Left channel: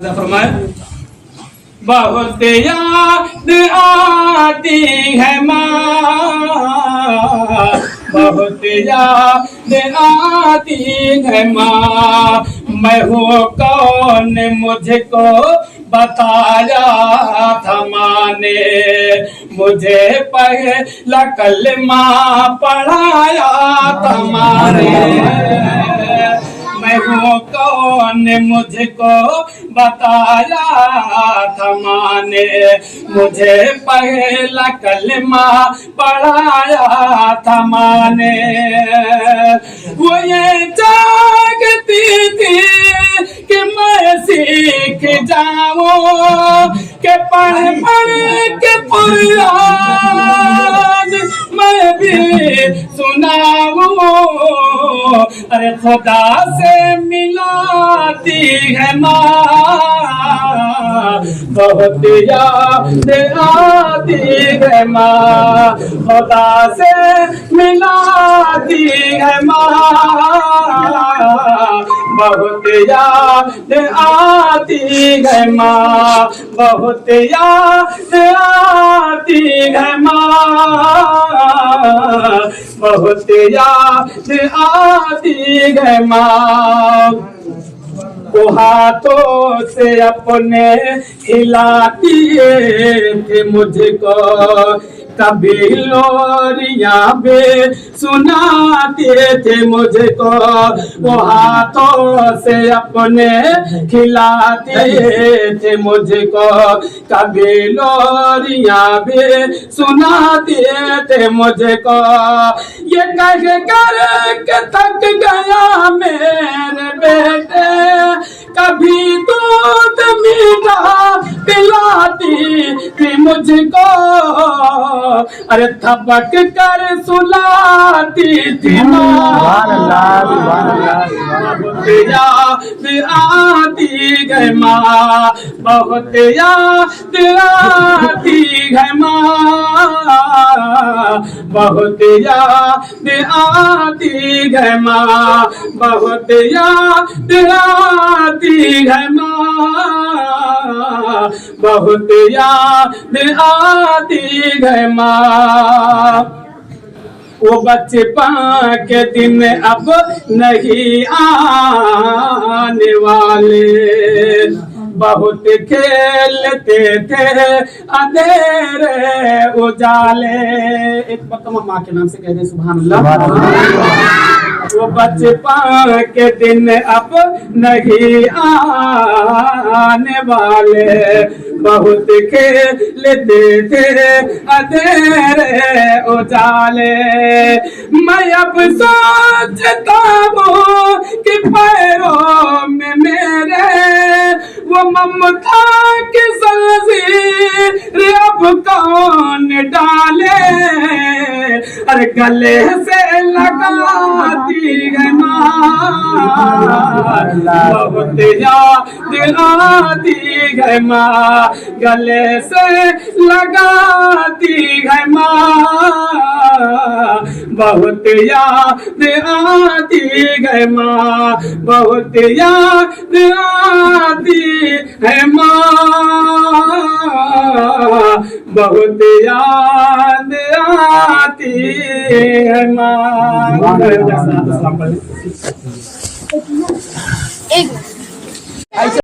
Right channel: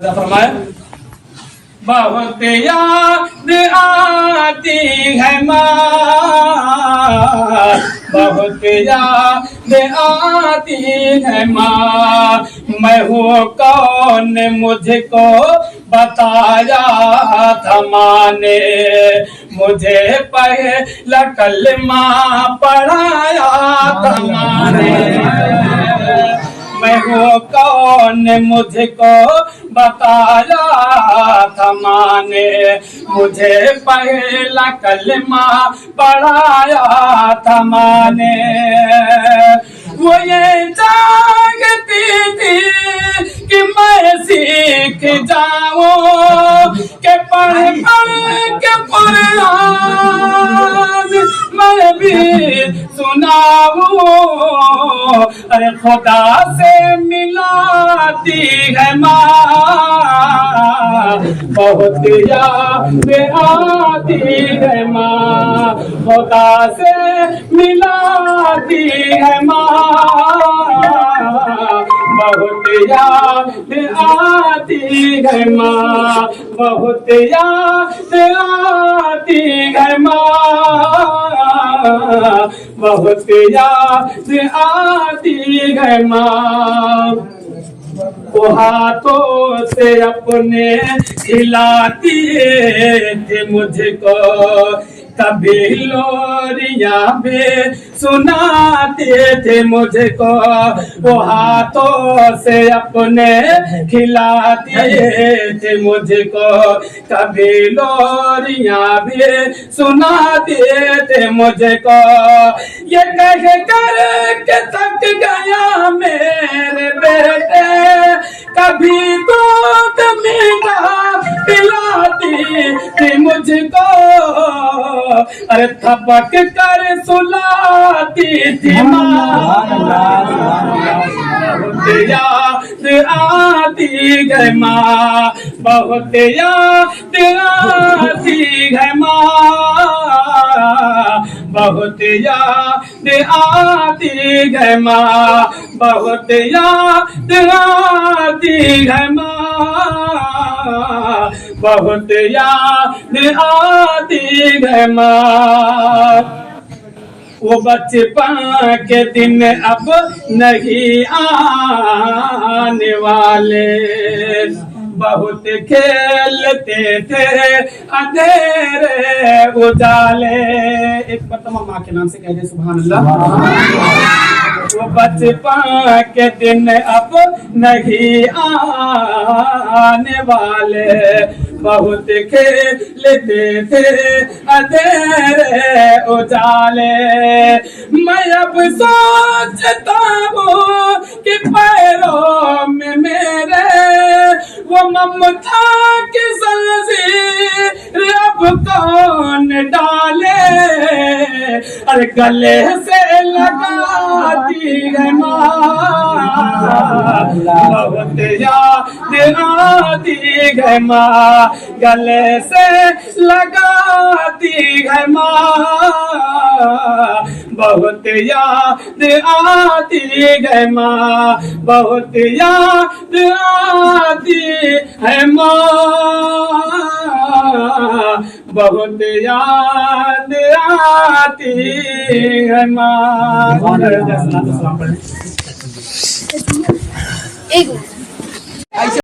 फरमाए बहुत याद आती है माँ, बहुत याद आती है माँ। मैं हूँ कौन मुझको बताया था माँ ने, मुझे पहला कलमा पढ़ाया था माँ ने। मैं हूँ कौन मुझको बताया था माँ ने, मुझे पहला कलमा पढ़ाया था माँ ने। वो ये जागती थी कि मैं सीख जाऊं, कि पढ़ पढ़ के कुरान मैं भी सुनाऊं। अरे खुदा से मिलाती है माँ, बहुत याद आती है माँ। खुदा से मिलाती है माँ, बहुत याद आती है माँ, बहुत याद आती है माँ, बहुत याद आती है माँ। वो हाथों से अपने खिलाती थी मुझको, कभी लोरियां भी सुनाते थे मुझको। वो हाथों से अपने खिलाते थे मुझको, कभी लोरियां भी सुनाते थे मुझको। ये कह कर के थक गया मेरे बेटे, कभी दूध मीठा पिलाती थी मुझको। अरे थपक कर सुलाती थी माँ, बहुत याद आती है माँ, बहुत याद आती है माँ, बहुत याद आती है माँ, बहुत याद आती है माँ, बहुत याद आती है माँ। वो बचपन के दिन अब नहीं आने वाले, बहुत खेलते थे अंधेरे उजाले। एक मतलब माँ के नाम से कह दे सुभान अल्लाह। वो बचपन के दिन अब नहीं आने वाले, बहुत खेलते थे अंधेरे उजाले। मैं अब सोचता हूँ कि पैरों में मेरे वो ममता की जंजीर अब कौन डाले। अरे गले से लगाती है माँ, बहुत याद आती है माँ, गले से लगाती है माँ, बहुत याद आती है माँ, बहुत याद आती है माँ, बहुत याद आती है माँ।